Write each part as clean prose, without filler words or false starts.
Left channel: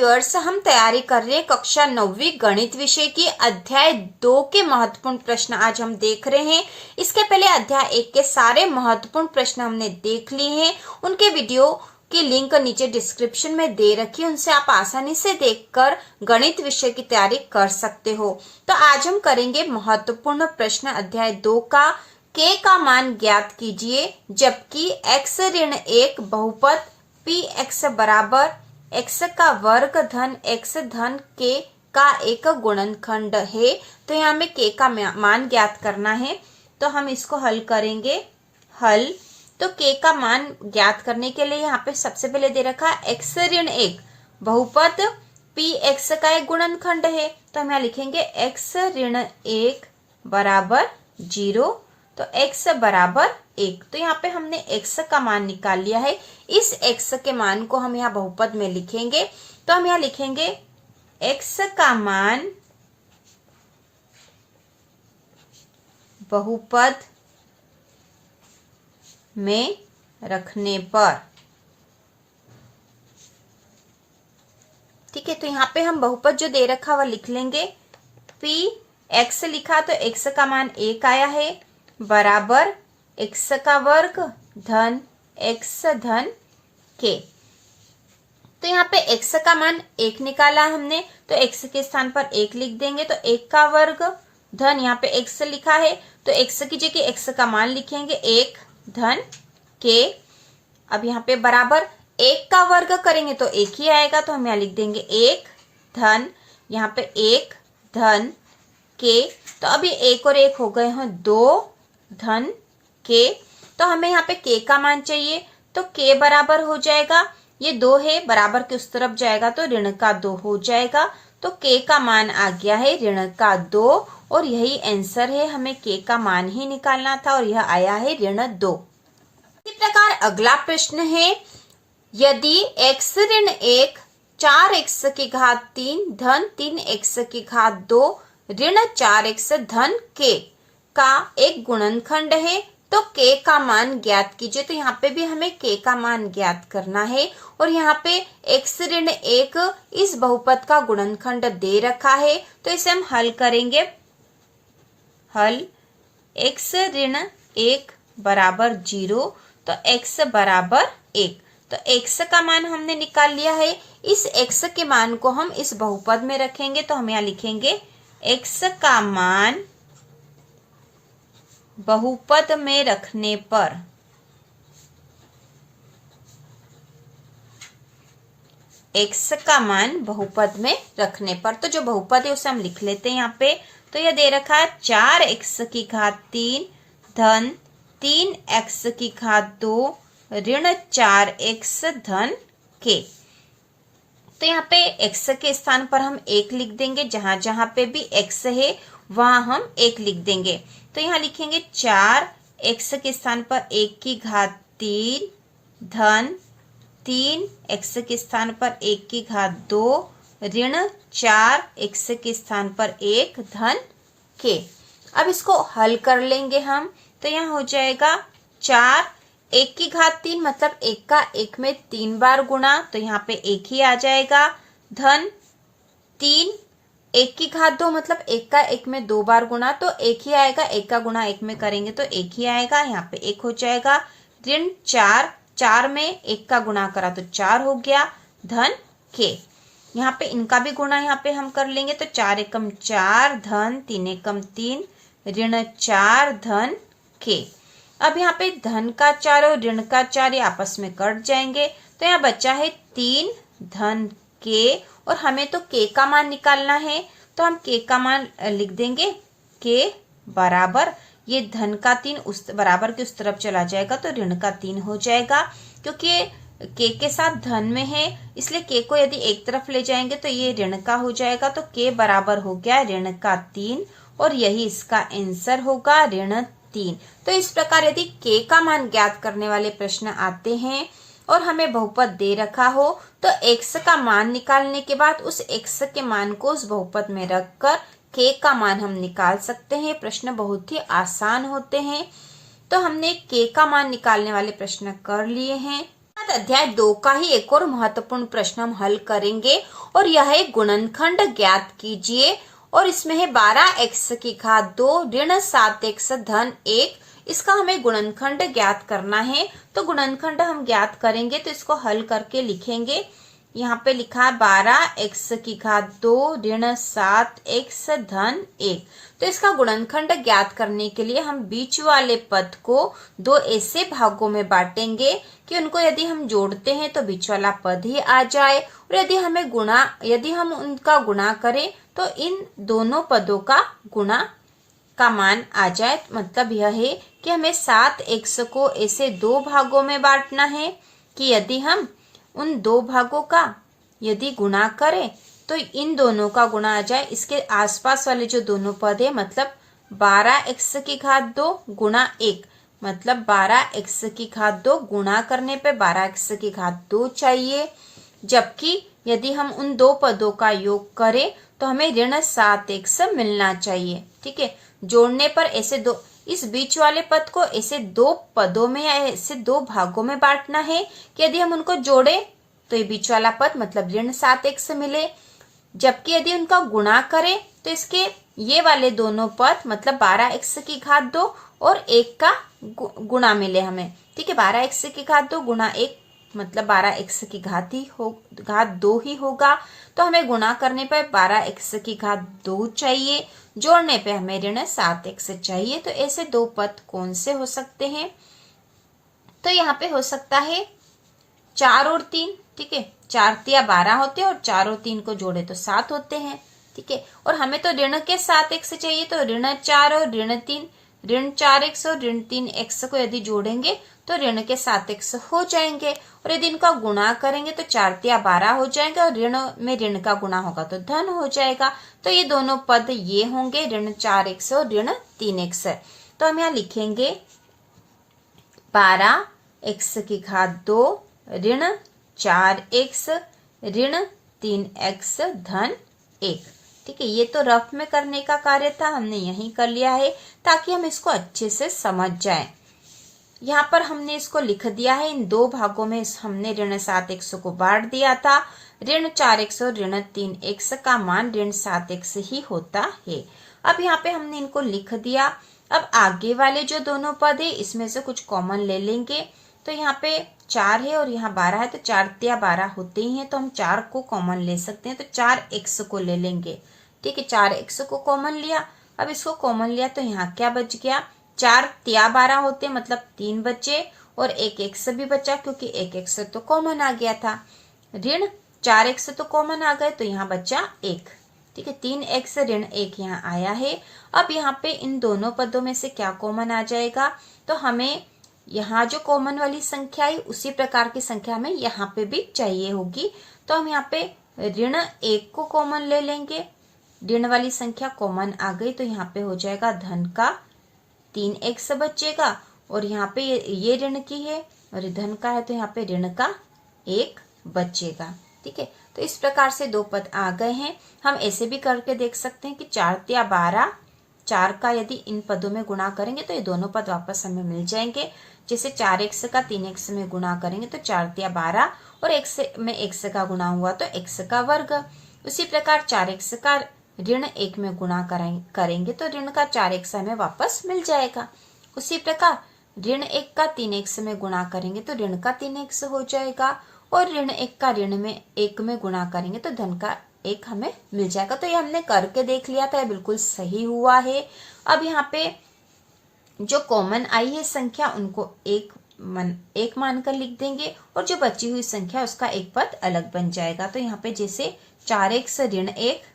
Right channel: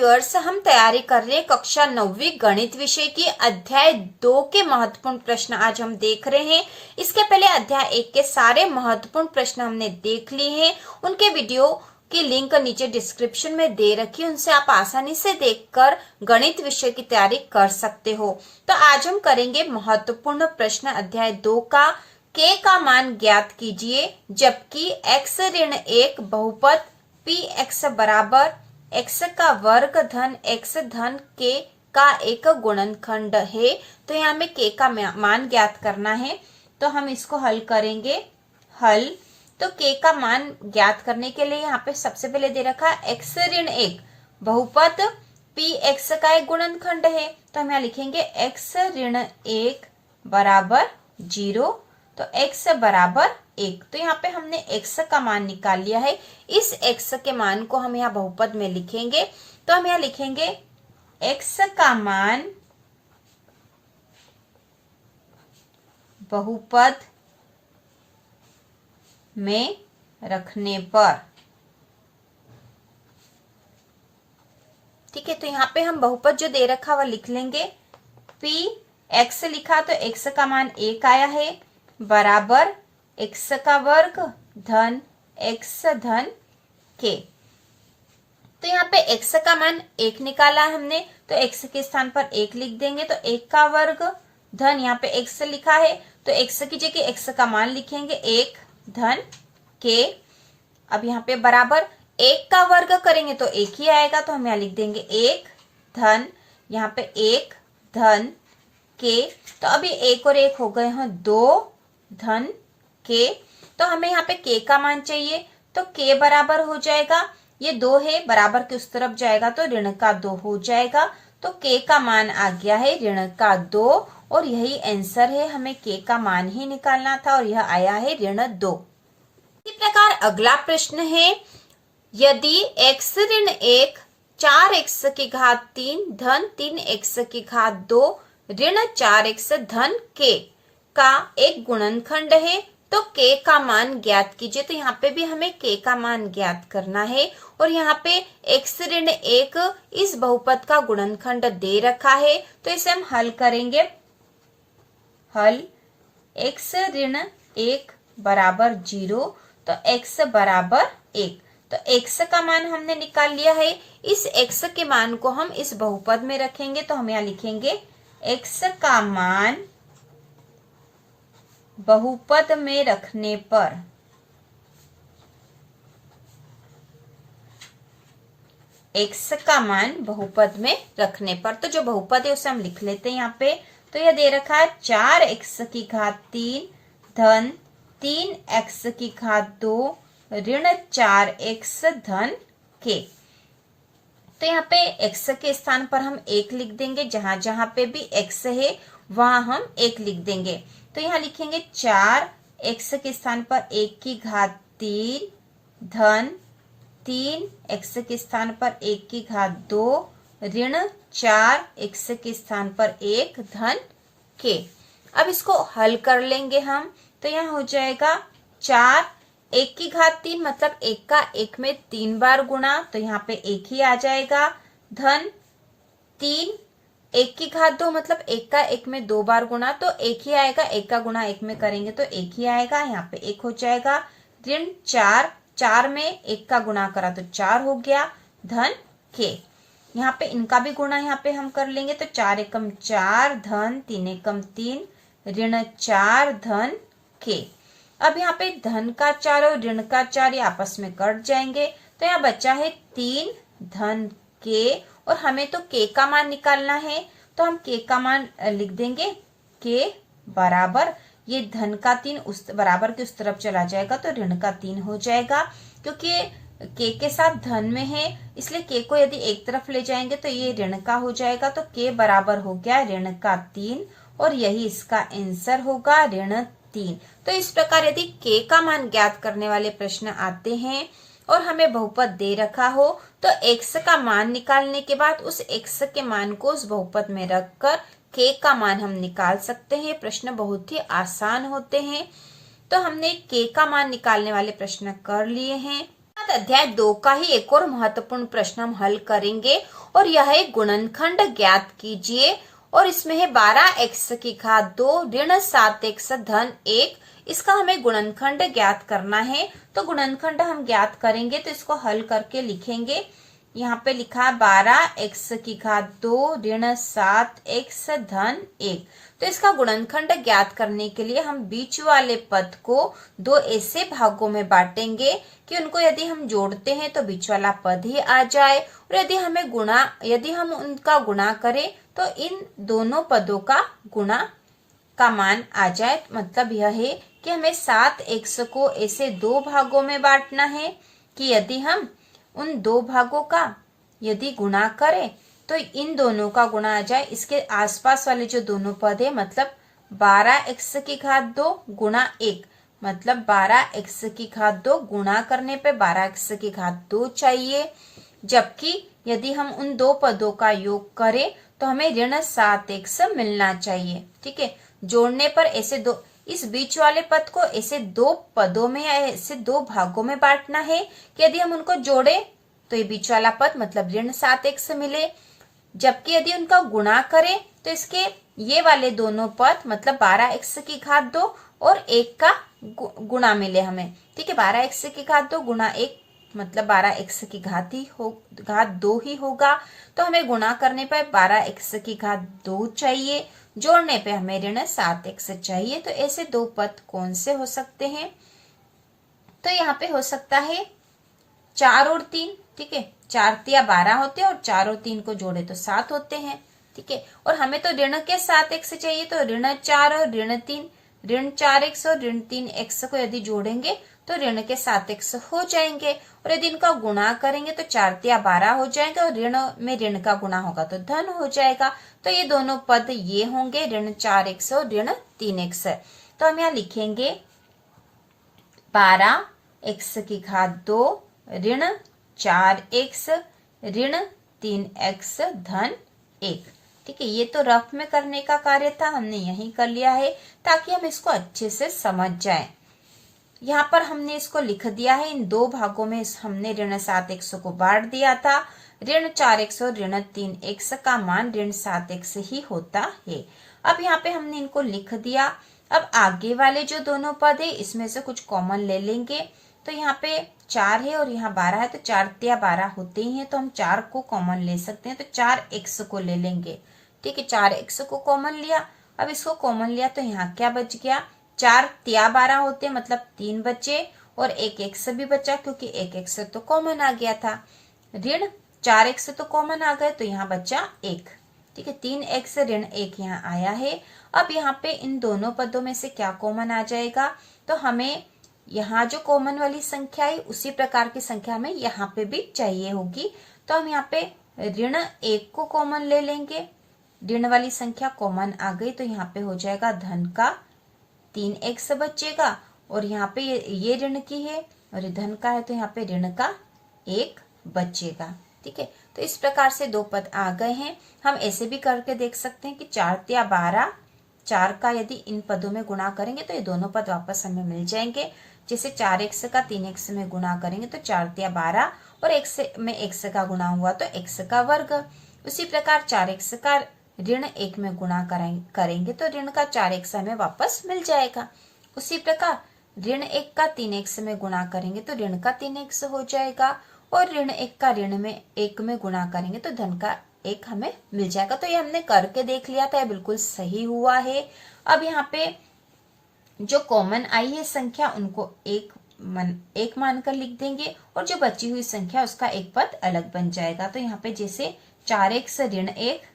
Viewers, हम तैयारी कर रहे हैं कक्षा 9वीं गणित विषय की अध्याय 2 के महत्वपूर्ण प्रश्न आज हम देख रहे हैं। इसके पहले अध्याय 1 के सारे महत्वपूर्ण प्रश्न हमने देख लिए हैं। उनके वीडियो की लिंक नीचे डिस्क्रिप्शन में दे रखी है, उनसे आप आसानी से देखकर गणित विषय की तैयारी कर सकते हो। तो आज हम करेंगे महत्वपूर्ण प्रश्न अध्याय 2 का। k का मान ज्ञात कीजिए जबकि x ऋण 1 बहुपद px बराबर x का वर्ग धन x धन k का एक गुणनखंड है। तो यहाँ हमें k का मान ज्ञात करना है, तो हम इसको हल करेंगे। हल तो k का मान ज्ञात करने के लिए यहाँ पे सबसे पहले दे रखा है x ऋण 1 बहुपद px का एक गुणनखंड है। तो हम यहाँ लिखेंगे x ऋण 1 बराबर 0, तो x बराबर 1। तो यहाँ पे हमने x का मान निकाल लिया है। इस x के मान को हम यहाँ बहुपद में लिखेंगे। तो हम यहाँ लिखेंगे x का मान बहुपद में रखने पर, ठीक है। तो यहाँ पे हम बहुपद जो दे रखा वह लिख लेंगे। p x लिखा तो x का मान 1 आया है बराबर x का वर्ग धन x धन k। तो यहाँ पे x का मान 1 निकाला है हमने, तो x के स्थान पर 1 लिख देंगे। तो 1 का वर्ग धन यहाँ पे x लिखा है, तो x की जगह x का मान लिखेंगे 1 धन k। अब यहाँ पे बराबर 1 का वर्ग करेंगे तो 1 ही आएगा, तो हम यहाँ लिख देंगे 1 धन यहाँ पे 1 धन k। तो अभी 1 और 1 हो गए हैं 2 धन k। तो हमें यहाँ पे k का मान चाहिए, तो k बराबर हो जाएगा, ये 2 है बराबर के उस तरफ जाएगा तो ऋण का 2 हो जाएगा। तो k का मान आ गया है ऋण का 2 और यही आंसर है। हमें k का मान ही निकालना था और यह आया है ऋण 2। इसी प्रकार अगला प्रश्न है, यदि x ऋण 1 4x की घात 3 धन 3x की घात 2 ऋण 4x धन k का एक गुणनखंड है तो k का मान ज्ञात कीजिए। तो यहाँ पे भी हमें k का मान ज्ञात करना है और यहाँ पे x ऋण 1 इस बहुपद का गुणनखंड दे रखा है, तो इसे हम हल करेंगे। हल x ऋण 1 बराबर 0, तो x बराबर 1। तो x का मान हमने निकाल लिया है। इस x के मान को हम इस बहुपद में रखेंगे, तो हम यहाँ लिखेंगे x का मान बहुपद में रखने पर, x का मान बहुपद में रखने पर, तो जो बहुपद है उसे हम लिख लेते हैं यहाँ पे। तो यह दे रखा है 4x की घात 3 धन 3x की घात 2 ऋण 4x धन k। तो यहाँ पे x के स्थान पर हम 1 लिख देंगे, जहां जहां पे भी x है वहां हम 1 लिख देंगे। तो यहाँ लिखेंगे 4x के स्थान पर 1 की घात 3 धन 3x के स्थान पर 1 की घात 2 ऋण 4x के स्थान पर 1 धन k। अब इसको हल कर लेंगे हम, तो यहाँ हो जाएगा 4 1 की घात 3 मतलब 1 का 1 में 3 बार गुणा, तो यहाँ पे 1 ही आ जाएगा धन 3 1 की घात 2 मतलब 1 का 1 में 2 बार गुणा, तो 1 ही आएगा। 1 का गुणा 1 में करेंगे तो 1 ही आएगा, यहाँ पे 1 हो जाएगा ऋण 4 4 में 1 का गुणा करा तो 4 हो गया धन k। यहाँ पे इनका भी गुणा यहाँ पे हम कर लेंगे, तो 4 एकम 4 धन 3 एकम 3 ऋण 4 धन k। अब यहाँ पे धन का 4 और ऋण का 4 ये आपस में कट जाएंगे, तो यहाँ बचा है 3 धन k और हमें तो k का मान निकालना है, तो हम k का मान लिख देंगे। k बराबर ये धन का 3 उस बराबर के उस तरफ चला जाएगा तो ऋण का 3 हो जाएगा, क्योंकि k के साथ धन में है इसलिए k को यदि एक तरफ ले जाएंगे तो ये ऋण का हो जाएगा। तो k बराबर हो गया ऋण का 3 और यही इसका आंसर होगा ऋण 3। तो इस प्रकार यदि k का मान ज्ञात करने वाले प्रश्न आते हैं और हमें बहुपद दे रखा हो तो x का मान निकालने के बाद उस x के मान को उस बहुपद में रखकर k का मान हम निकाल सकते हैं। प्रश्न बहुत ही आसान होते हैं। तो हमने k का मान निकालने वाले प्रश्न कर लिए हैं। अध्याय 2 का ही एक और महत्वपूर्ण प्रश्न हम हल करेंगे और यह है गुणनखंड ज्ञात कीजिए और इसमें है 12x की घात 2 ऋण 7x धन 1। इसका हमें गुणनखंड ज्ञात करना है। तो गुणनखंड हम ज्ञात करेंगे तो इसको हल करके लिखेंगे। यहाँ पे लिखा है 12x की घात 2 ऋण 7x धन 1। तो इसका गुणनखंड ज्ञात करने के लिए हम बीच वाले पद को दो ऐसे भागों में बांटेंगे कि उनको यदि हम जोड़ते हैं तो बीच वाला पद ही आ जाए और यदि हम उनका गुणा करें तो इन दोनों पदों का गुणा का मान आ जाए। मतलब यह है कि हमें 7x को ऐसे दो भागों में बांटना है कि यदि हम उन दो भागों का यदि गुणा करें तो इन दोनों का गुणा आ जाए। इसके आसपास वाले जो दोनों पद है मतलब 12x की घात 2 गुणा 1 मतलब 12x की घात 2 गुणा करने पे 12x की घात 2 चाहिए। जबकि यदि हम उन दो पदों का योग करें तो हमें ऋण 7x मिलना चाहिए। ठीक है, जोड़ने पर ऐसे दो इस बीच वाले पद को ऐसे दो पदों में या ऐसे दो भागों में बांटना है कि यदि हम उनको जोड़े तो ये बीच वाला पद मतलब ऋण 7x मिले। जबकि यदि उनका गुणा करें तो इसके ये वाले दोनों पद मतलब 12x की घात 2 और 1 का गुणा मिले हमें। ठीक है, 12x की घात 2 गुणा 1 मतलब 12x की घात 2 ही होगा। तो हमें गुणा करने पर 12x की घात 2 चाहिए, जोड़ने पे हमें ऋण 7x चाहिए। तो ऐसे दो पद कौन से हो सकते हैं? तो यहाँ पे हो सकता है 4 और 3। ठीक है, 4 तिया 12 होते हैं और 4 और 3 को जोड़े तो 7 होते हैं। ठीक है, और हमें तो ऋण के 7x चाहिए तो ऋण 4 और ऋण 3 ऋण 4x और ऋण 3x को यदि जोड़ेंगे तो ऋण के 7x हो जाएंगे और यदि इनका गुणा करेंगे तो 4 तिया 12 हो जाएगा और ऋण में ऋण का गुणा होगा तो धन हो जाएगा। तो ये दोनों पद ये होंगे ऋण 4x और ऋण 3x। तो हम यहाँ लिखेंगे 12x की घात 2 ऋण 4x ऋण 3x धन 1। ठीक है, ये तो रफ में करने का कार्य था, हमने यही कर लिया है ताकि हम इसको अच्छे से समझ जाएं। यहाँ पर हमने इसको लिख दिया है। इन दो भागों में हमने ऋण 7x को बांट दिया था। ऋण 4x और ऋण 3x का मान ऋण 7x ही होता है। अब यहाँ पे हमने इनको लिख दिया। अब आगे वाले जो दोनों पद है इसमें से कुछ कॉमन ले लेंगे। तो यहाँ पे 4 है और यहाँ 12 है तो 4 तिया 12 होते ही हैं तो हम 4 को कॉमन ले सकते हैं। तो 4x को ले लेंगे। ठीक है, 4x को कॉमन लिया। अब इसको कॉमन लिया तो यहाँ क्या बच गया? 4 तिया 12 होते मतलब 3 बचे और एक x भी बचा क्योंकि एक x तो कॉमन आ गया था। ऋण 4x तो कॉमन आ गए तो यहाँ बचा 1। ठीक है, 3x ऋण 1 यहाँ आया है। अब यहाँ पे इन दोनों पदों में से क्या कॉमन आ जाएगा? तो हमें यहाँ जो कॉमन वाली संख्या है उसी प्रकार की संख्या हमें यहाँ पे भी चाहिए होगी। तो हम यहाँ पे ऋण 1 को कॉमन ले लेंगे। ऋण वाली संख्या कॉमन आ गई तो यहाँ पे हो जाएगा धन का 3x बचेगा और यहाँ पे ये ऋण की है और ये धन का है तो यहाँ पे ऋण का 1 बचेगा। ठीक है, तो इस प्रकार से दो पद आ गए हैं। हम ऐसे भी करके देख सकते हैं कि 4 तिया 12 4 का यदि इन पदों में गुणा करेंगे तो ये दोनों पद वापस हमें मिल जाएंगे। जैसे 4x का 3x में गुणा करेंगे तो 4 तिया 12 और x में x का गुणा हुआ तो x का वर्ग। उसी प्रकार 4x का ऋण 1 में गुणा करेंगे तो ऋण का 4x हमें वापस मिल जाएगा। उसी प्रकार ऋण 1 का 3x में गुणा करेंगे तो ऋण का 3x हो जाएगा और ऋण 1 का ऋण में 1 में गुणा करेंगे तो धन का 1 हमें मिल जाएगा। तो ये हमने करके देख लिया था, बिल्कुल सही हुआ है। अब यहाँ पे जो कॉमन आई है संख्या उनको एक मानकर लिख देंगे और जो बची हुई संख्या उसका एक पद अलग बन जाएगा। तो यहाँ पे जैसे 4x ऋण 1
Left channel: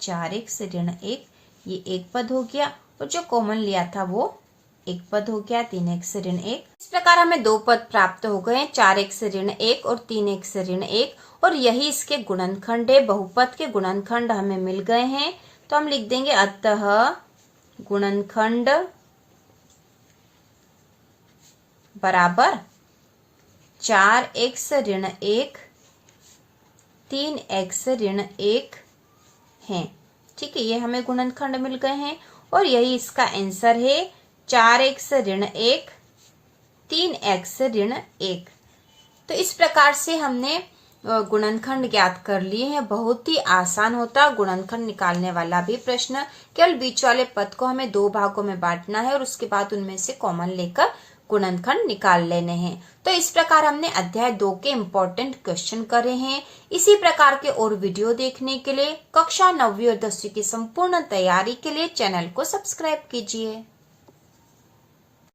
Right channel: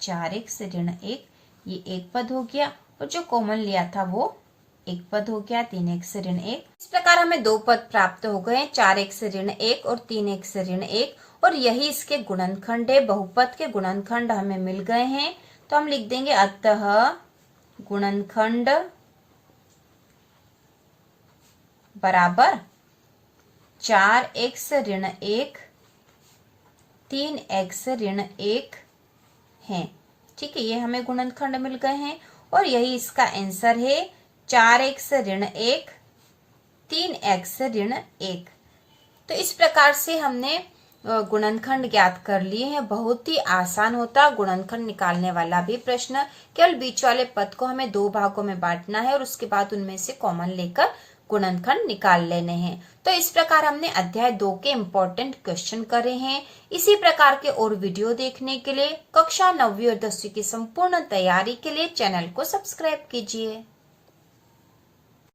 4x ऋण 1 ये एक पद हो गया और जो कॉमन लिया था वो एक पद हो गया 3x ऋण 1। इस प्रकार हमें दो पद प्राप्त हो गए 4x ऋण 1 और 3x ऋण 1 और यही इसके गुणनखंड है। बहुपद के गुणनखंड हमें मिल गए हैं तो हम लिख देंगे अतः गुणनखंड बराबर 4x ऋण 1 3x ऋण 1 है। ठीक है, ये हमें गुणनखंड मिल गए हैं और यही इसका आंसर है 4x ऋण 1 3x ऋण 1। तो इस प्रकार से हमने गुणनखंड ज्ञात कर लिए हैं। बहुत ही आसान होता गुणनखंड निकालने वाला भी प्रश्न। केवल बीच वाले पद को हमें 2 भागों में बांटना है और उसके बाद उनमें से कॉमन लेकर गुणनखंड निकाल लेने हैं। तो इस प्रकार हमने अध्याय 2 के इम्पोर्टेंट क्वेश्चन करे हैं। इसी प्रकार के और वीडियो देखने के लिए कक्षा 9वीं और 10वीं की संपूर्ण तैयारी के लिए चैनल को सब्सक्राइब कीजिए।